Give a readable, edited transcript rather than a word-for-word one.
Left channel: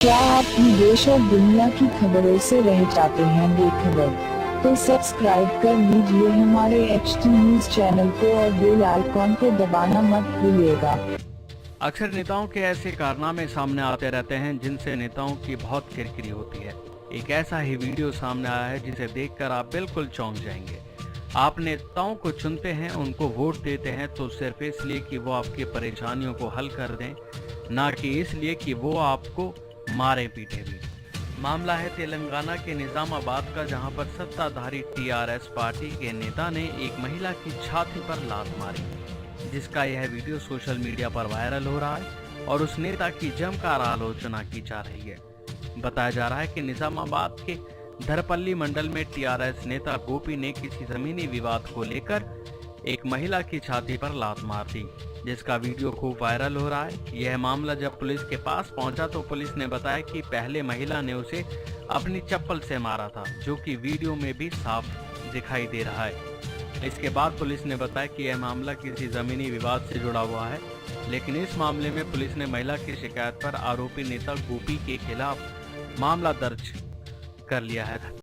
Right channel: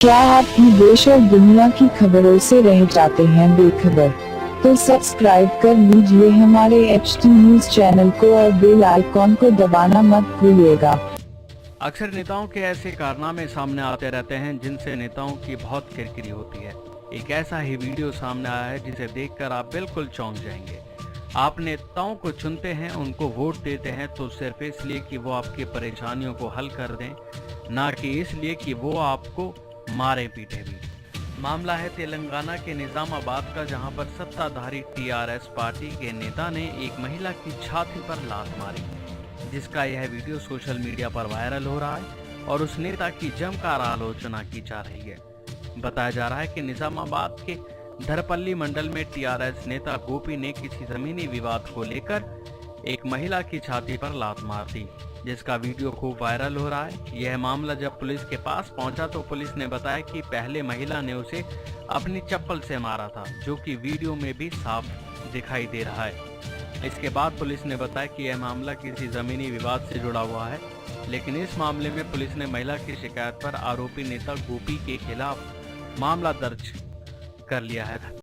क्या आप भी देश और दुनिया की खबरों से रह जाते हैं बेखबर? तो सब्सक्राइब कर लीजिए हमारे HT न्यूज चैनल को और बेल आइकॉन को दबाना मत भूलिएगा। अक्सर नेताओं के ऐसे कारनामे सामने आते रहते हैं जिनसे नेताओं की बहुत किरकिरी होती है। एक ऐसा ही वीडियो सामने आया है जिसे देखकर आप बिल्कुल चौंक जाएंगे। आप नेताओं को चुनते हैं, उनको वोट देते हैं तो सिर्फ इसलिए कि वो आपकी परेशानियों को हल कर दें, ना कि इसलिए कि वो आपको मारे पीटे भी। मामला है तेलंगाना के निजामाबाद का, जहां पर सत्ताधारी TRS पार्टी के नेता ने एक महिला की छाती पर लात मारी, जिसका यह वीडियो सोशल मीडिया पर वायरल हो रहा है और उस नेता की जमकर आलोचना की जा रही है। बताया जा रहा है कि निजामाबाद के धरपल्ली मंडल में TRS नेता गोपी ने किसी जमीनी विवाद को लेकर एक महिला की छाती पर लात मार दी, जिसका वीडियो खूब वायरल हो रहा है। यह मामला जब पुलिस के पास पहुंचा तो पुलिस ने बताया कि पहले महिला ने उसे अपनी चप्पल से मारा था, जो कि वीडियो में भी साफ दिखाई दे रहा है। इसके बाद पुलिस ने बताया कि यह मामला किसी जमीनी विवाद से जुड़ा हुआ है, लेकिन इस मामले में पुलिस ने महिला की शिकायत पर आरोपी नेता गोपी के खिलाफ मामला दर्ज कर लिया है।